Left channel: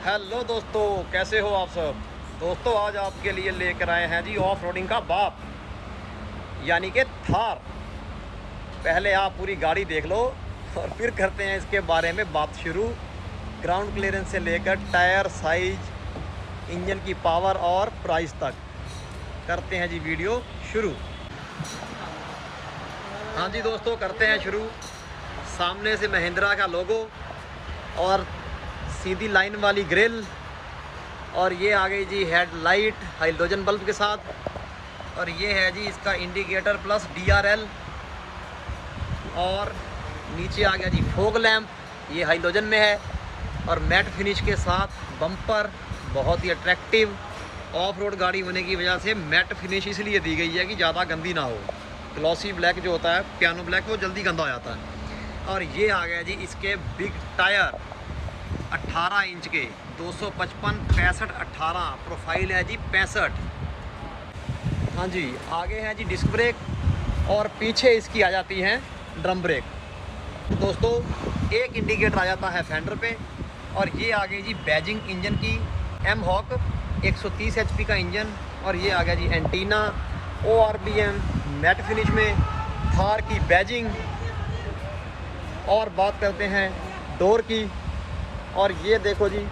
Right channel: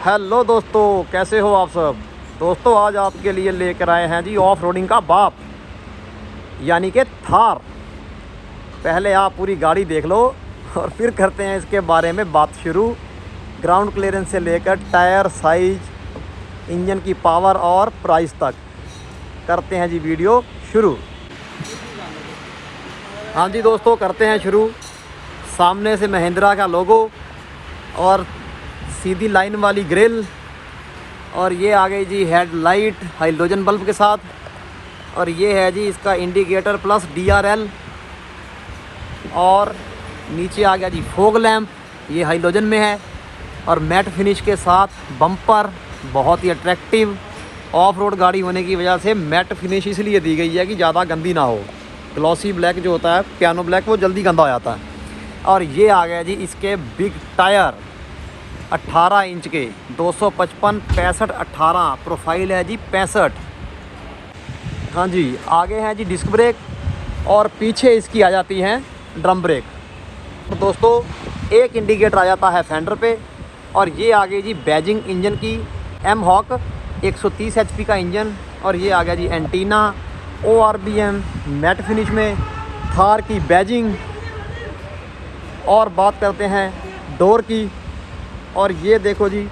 Hello दोस्तों, कैसे हो आप सब। दोस्तों आज आपके लिए लेकर आए हैं जी ऑफ रोडिंग का बाप यानी कि थार। पहले आप पूरी गाड़ी देख लो और फिर करते हैं इसके बारे में बात शुरू। ग्राउंड क्लियरेंस से लेकर टायर साइज, इंजन की पावर और प्राइस तक करते हैं जी वीडियो शुरू। हाँ जी दोस्तों, करते हैं शुरू। सामने से महिंद्रा का लोगो और सीधी लाइन वाली ग्रिल, और ये आ गई जी हेडलाइट हाइड्रोजन बल्ब के साथ, और ये है जी इसका इंडिकेटर प्लस DRL, और नीचे आ गया जी फॉग लैंप, ये हाइड्रोजन में है, और मैट फिनिश के साथ बम्पर बहुत ही अट्रैक्टिव। ऑफ रोड गाड़ी होने की वजह से मैट फिनिश इसलिए दी गई है कि ज़्यादा गंदी ना हो। ग्लॉसी ब्लैक जो होता है, पियानो ब्लैक, वो जल्दी गंदा हो जाता है। और ये आ गया जी इसके बिग टायर 18 इंच के 255 65 18, प्रोफाइल है जी 65। हाँ जी, आगे है जी डिस्क ब्रेक और पीछे इसकी आ जाती हैं ड्रम ब्रेक। तो दोस्तों एक इंडिकेटर आ जाता है फेंडर पे, और ये आ गई जी बैजिंग इंजन की M हॉक 130 HP का इंजन, और ये आ गया जी एंटीना ORBM मैट फिनिश में, थार की बैजिंग। और बात करते हैं डोर की, और ये देखो जी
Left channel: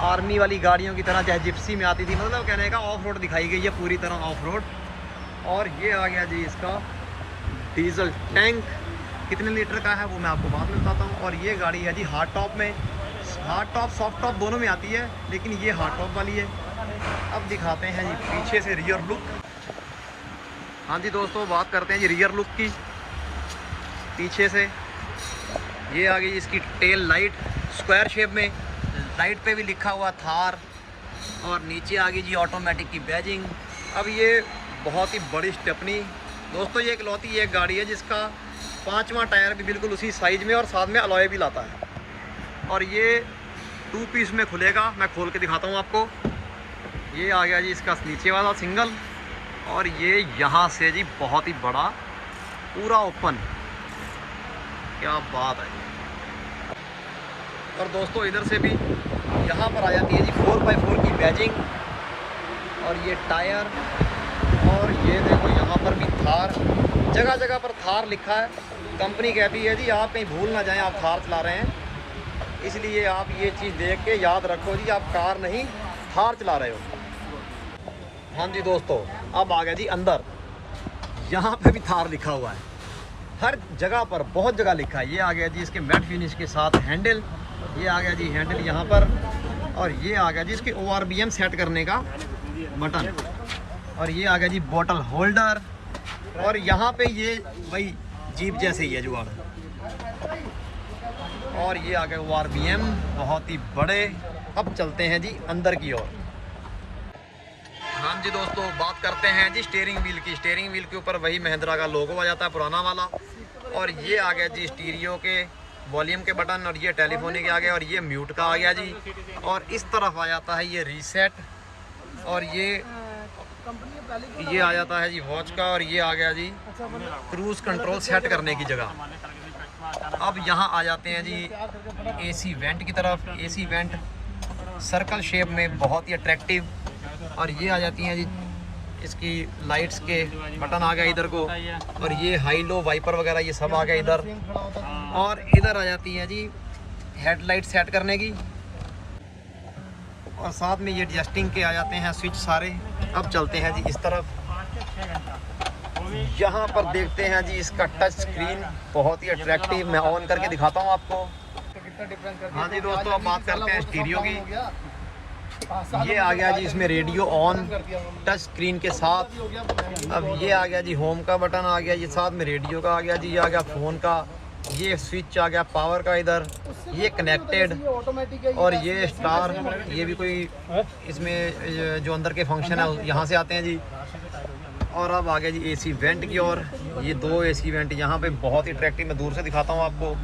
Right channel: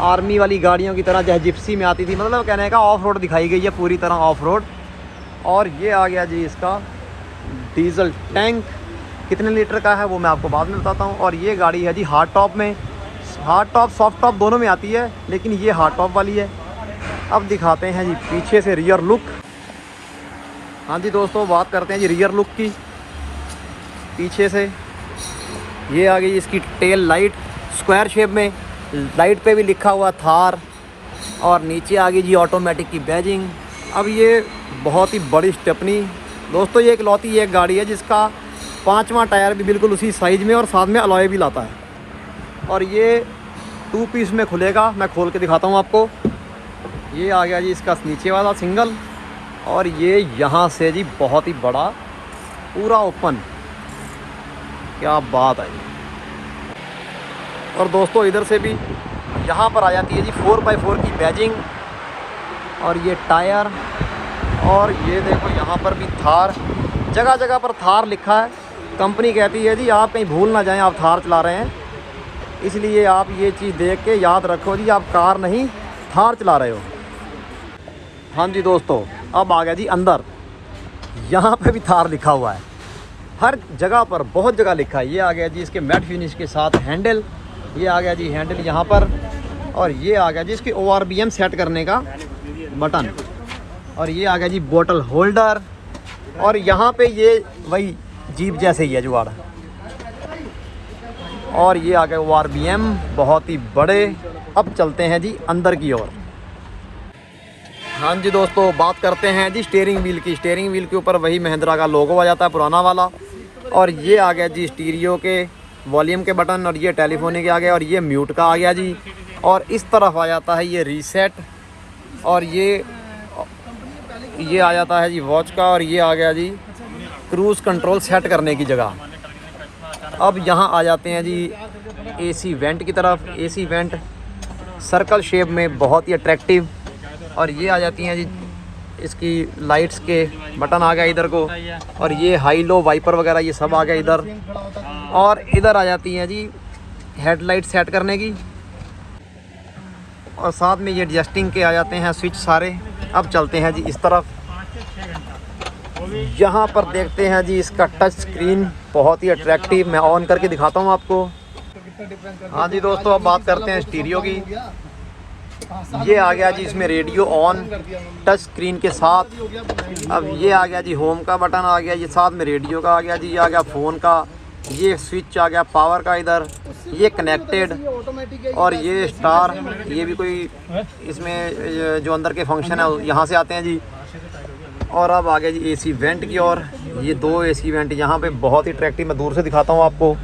आर्मी वाली गाड़ियों की तरह जैसे जिप्सी में आती थी, मतलब कहने का ऑफ रोड दिखाई गई है पूरी तरह ऑफ रोड। और ये आ गया जी इसका डीजल टैंक, कितने लीटर का है वो मैं आपको बाद में बताता हूँ। और ये गाड़ी है जी हार्ड टॉप में, हार्ड टॉप सॉफ्ट टॉप दोनों में आती है, लेकिन ये हार्ड टॉप वाली है। अब दिखाते हैं जी पीछे से रियर लुक। हाँ जी दोस्तों, बात करते हैं जी रियर लुक की। पीछे से ये आ गई इसकी टेल लाइट स्क्वायर शेप में, लाइट पे भी लिखा हुआ थार, और नीचे आ गई जी ऑटोमेटिक की बैजिंग। अब ये बहुत ही बड़ी स्टेपनी दोस्तों, ये इकलौती एक गाड़ी है जिसका 5वां टायर भी बिल्कुल उसी साइज़ में और साथ में अलॉय भी लाता है। और ये 2 पीस में खुलेगा, मैं खोल के दिखाता हूँ आपको। ये आ गया जी इसका नीचे वाला सिंगल, और ये यहाँ से जी बहुत ही बड़ा पूरा ओपन, क्या बात है। और दोस्तों इधर से भी यहाँ पर आ जाती है जी 4x4 की बैजिंग, और ये टायर, और ये देखो यहाँ पर भी थार, जगह जगह पर थार लिखा है। कंपनी कहती है जी आप कहीं भूल ना जाएं आप थार चला रहे हैं, इसलिए आप ये चीज़ देख के याद रखो जी आप कार नहीं थार चला रहे हो। हाँ जी दोस्तों, अब आ गया जी अंदर, यहाँ पे भी थार लिखा हुआ है, हर जगह पर बहुत जगह लिखा है। ये आ गया जी इसके मैट फिनिश के साथ हैंडल, ये आ गया जी हैंडल यहाँ पर, और ये आ गया जी इसकी ORBM सेट करने का बटन, और ये आ गया जी बोतल होल्डर, और यहाँ पे ये वही जीप जैसे ही है जुगाड़, और ये आ गया ORBM बहुत ही बड़े। अब चलते हैं जी अंदर की ओर। हाँ जी दोस्तों, बात करते हैं जी स्टीयरिंग व्हील की। स्टीयरिंग व्हील के ऊपर वही महिंद्रा का लोगो आ जाता है पुराना वाला, और ये आ गया जी स्टीरियो के वॉल्यूम के बटन, और ये टेलीफोनिक के आ गया, और ये म्यूट का आ गया जी। और इस तरफ आ जाता है ये रीसेट, और ये आ जाता है जी वॉच का, और ये आ गया जी क्रूज़ कंट्रोल सेट करने की जगह। अब यहाँ आ जाते हैं जी AC वेंट की तरफ। AC वेंट सर्कल शेप में बहुत ही अट्रैक्टिव, और ये आ जाती हैं जी इसकी लाइट्स के बटन आ गया इधर को, और ये हाई लो वाइपर वगैरह ये सब आ गया इधर। और इधर आ जाती हैं जी हेडलाइट सेट करने की, और साथ में ये एडजस्टिंग के आ जाते हैं स्विच सारे। अब चलते हैं जी इस तरफ, यहाँ पर देखते हैं जी इसका टच स्क्रीन बहुत ही अट्रैक्टिव, मैं ऑन करके दिखाता हूँ आपको। हाँ जी दोस्तों, अब बात करते हैं स्टीरियो की। ये आ गया जी इसमें रेडियो ऑन टच स्क्रीन के साथ। अब ये आ गया जी होम का बटन आ गया, ये साथ में रेडियो का आ गया जी, ये आ गया फ़ोन का, ये स्विच आ गया पावर का इधर, ये कनेक्टेड, और ये स्टार, ये भी कोई इसमें जो अंदर के फंक्शन है यहाँ से आते हैं जी। और अब आ गया जी AC वेंट की, और ये 2 AC वेंट यहाँ पे बहुत ही अट्रैक्टिव, मैं दूर से दिखाता हूँ आपको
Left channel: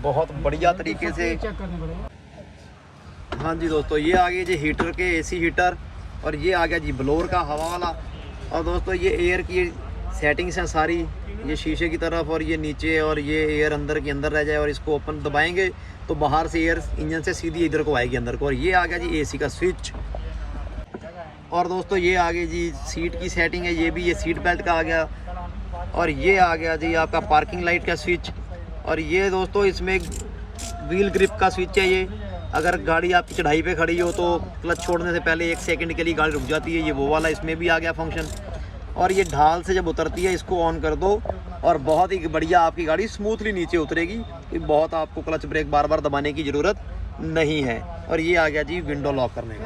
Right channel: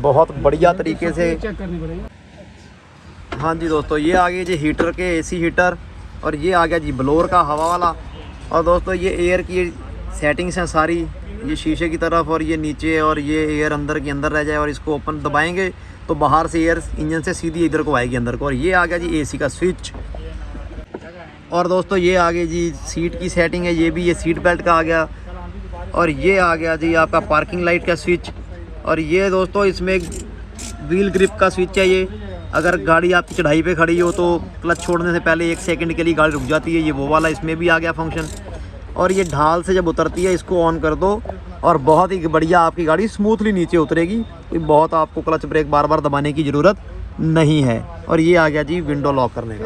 बहुत बढ़िया तरीके से। हाँ जी दोस्तों, ये आ गए जी हीटर के AC हीटर, और ये आ गया जी ब्लोअर का हवा वाला। और दोस्तों ये एयर की सेटिंग्स हैं सारी, ये शीशे की तरफ, और ये नीचे, और ये एयर अंदर के अंदर रह जाए, और इसको ओपन दबाएंगे तो बाहर से एयर इंजन से सीधी इधर को आएगी अंदर को। और ये आ गया जी एसी का स्विच। और दोस्तों ये आ गई जी सीट की सेटिंग है, ये भी ये सीट बेल्ट का आ गया। और ये आ गया जी आपका पार्किंग लाइट का स्विच। और ये दोस्तों इसमें व्हील ग्रिप का स्विच है। ये अगर गाड़ी आपकी चढ़ाई पे खड़ी हो तो क्लच छोड़ने से पहले 1 सेकंड के लिए गाड़ी रुक जाती है, ये वो वाला इसमें भी आ गया फंक्शन। और ये ढाल से जब उतरती है इसको ऑन कर दो और बहुत ही बढ़िया आपकी गाड़ी स्मूथली नीचे उतरेगी। ये बहुत आपको क्लच ब्रेक बार बार दबाने की ज़रूरत नहीं है। और ये आ गया जी विंडो लॉक करने का।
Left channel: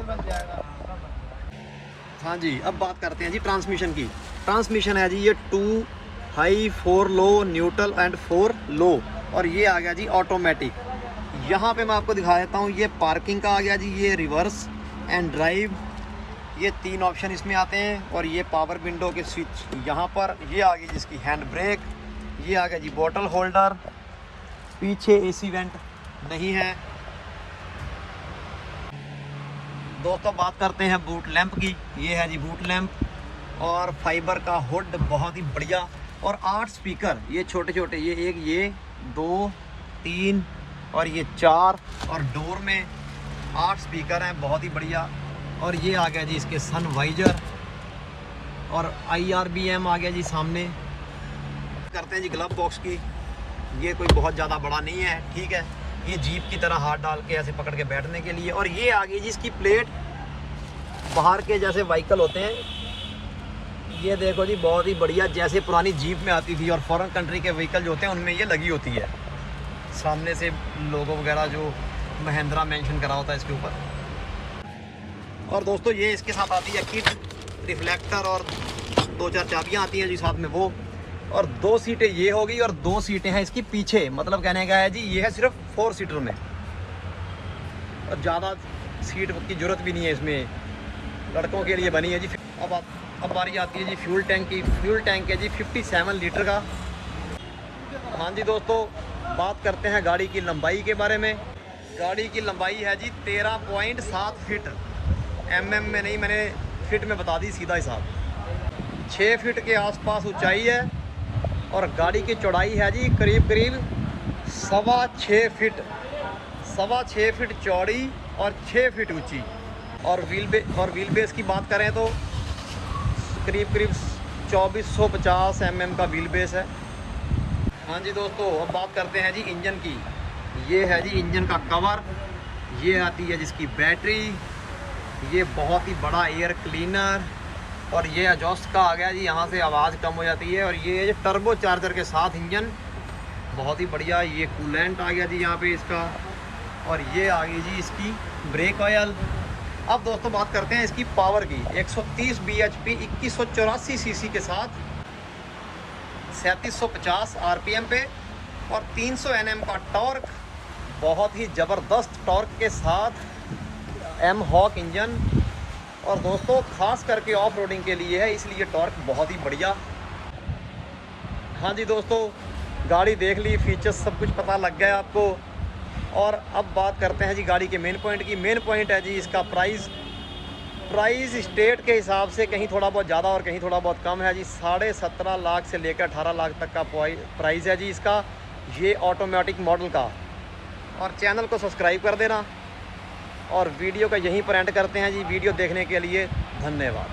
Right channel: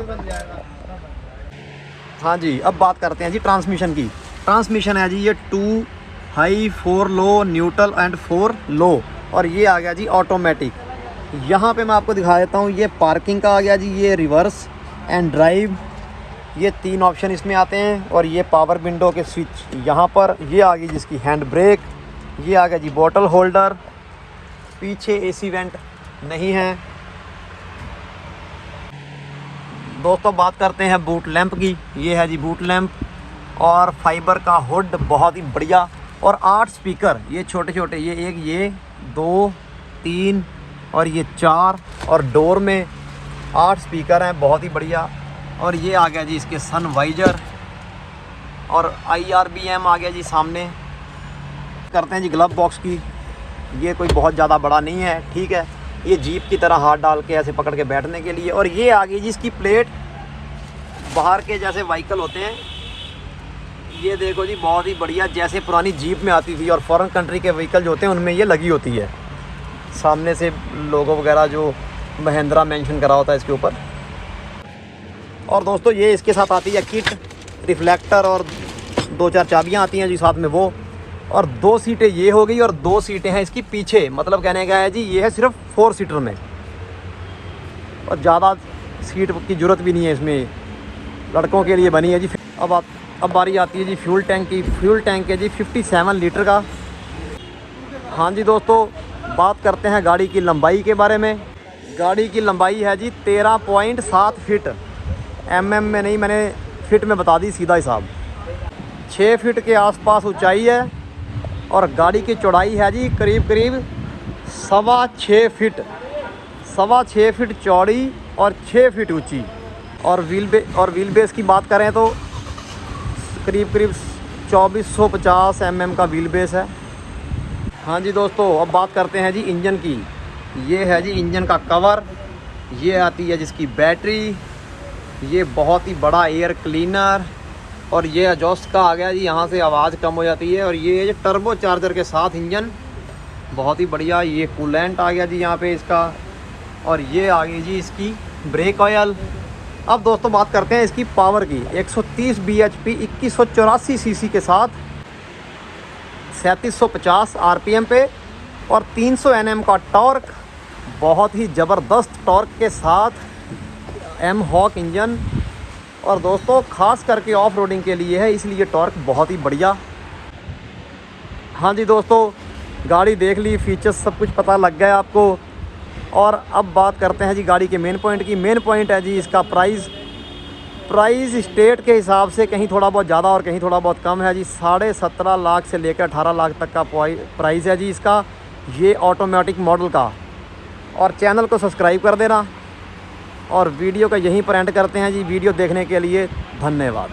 हाँ जी, अब बात करते हैं जी ट्रांसमिशन की। ट्रांसमिशन है जी ये 2 हाई 4 लो, न्यूट्रल एंड 4 लो। और ये आ गया जी ऑटोमेटिक। यहाँ पे मैं आपको दिखा देता हूँ, ये पार्किंग का आ गया जी, ये रिवर्स एंड ड्राइव, ये 3 ऑप्शन इसमें आते हैं। और ये पावर विंडो के स्विच यहाँ पर। ये आ गई जिसकी हैंड ब्रेक। ये आ गया जी बोतल होल्डर। पीछे एसी वेंट नहीं है। दोस्तों बात करते हैं बूट लैंप की। ये है जी बूट लैंप और फाइबर का हुड, बहुत ही बढ़िया। और 8 स्पीकर, ये छोटे छोटे, ये 1, ये 2, 3 और ये 4। और डोर में 8 स्पीकर हैं, बहुत ही बढ़िया। और ये आ गया जी इसके सन वाइजर। और IRBM आ गया जी सामने। करते हैं जी ग्लव बॉक्स की। ये कोई बहुत ज़्यादा बड़ा नहीं है, ठीक है। ये जीप की तरह हाथ डाल के ऐसे पकड़ के बैठने के लिए। और ये आ गई जी इसकी प्लेट, बाहर के जैसे व्हीकल होते हैं, ये देखो जी बहुत ही बढ़िया, जैसे पुरानी जीप में आती थी और फॉरेन कंट्री के व्हीकल जो होते हैं उनमें ये लगी होती है। सामने से लोगो वगैरह जो महिंद्रा मेंशन करा होता है इसके ऊपर। और दोस्तों ये इसके साथ आती है किट, रिफ्लेक्टर और 2-4 चाबियाँ आती हैं जी साथ में वो। और 2 सीटें ये हो गई और 2 सीटें हैं इसकी पीछे। मतलब कहने का है जी ये है सिर्फ 4 सीटर में, और ज़्यादा सीट की ज़रूरत भी नहीं है इसमें, लड़कों के लिए बनी है जी। अब बारी आती है जी फ्यूल टैंक की। फ्यूल टैंक है जी 57 लीटर का। हाँ जी दोस्तों, बात करते हैं गाड़ी की लंबाई के बारे में। गाड़ी की लंबाई है जी 13.7 फीट। mm में नहीं, मैंने फिट में बता दी, सीधा हिसाब। 6 फीट के आसपास ऊंचाई है। और गाड़ी की चौड़ाई है जी करीब 6.25 फीट। 6.25 फीट चौड़ी और 6 फीट ऊंची। और व्हील बेस की बात करें तो करीब 2450 mm का व्हील बेस है। हाँ जी दोस्तों, अब बात करते हैं जी इंजन की। ये है जी इंजन का कवर। ये आती है जिसकी बैटरी। ये बहुत ही बड़ा एयर क्लीनर। और ये एग्जॉस्ट का आ गया जी, यहाँ से आवाज़ कम हो जाती है। और ये टर्बो चार्जर के साथ इंजन, बहुत ही बढ़िया। ये कूलेंट आ गया जी यहाँ पे इसका। और ये आ गई जी इसकी ब्रेक ऑयल। अब दोस्तों बात करते हैं इसकी पावर की। 130 bhp 2184 cc के साथ 3750 RPM पे और 300 Nm का टॉर्क, बहुत ही ज़बरदस्त टॉर्क के साथ एम हॉक इंजन। और दोस्तों ख़ास करके ऑफ रोडिंग के लिए है, इसलिए टॉर्क बहुत ही बढ़िया। हाँ जी दोस्तों, गाड़ी देख ली, फीचर्स सब कुछ पता लग गया आपको। और अब बात करते हैं जी गाड़ी के मेन पॉइंट की। मेन पॉइंट है जी इसका प्राइस स्टेट के हिसाब से कहीं थोड़ा बहुत ज़्यादा और कहीं थोड़ा बहुत कम है जी। 17.5 लाख से लेकर 18 लाख तक का प्राइस है जी इसका, ये ऑटोमेटिक मॉडल का। और चैनल को सब्सक्राइब कर देना। और वीडियो का यहीं पर एंड करते हैं जी। वीडियो देखने के लिए धन्यवाद।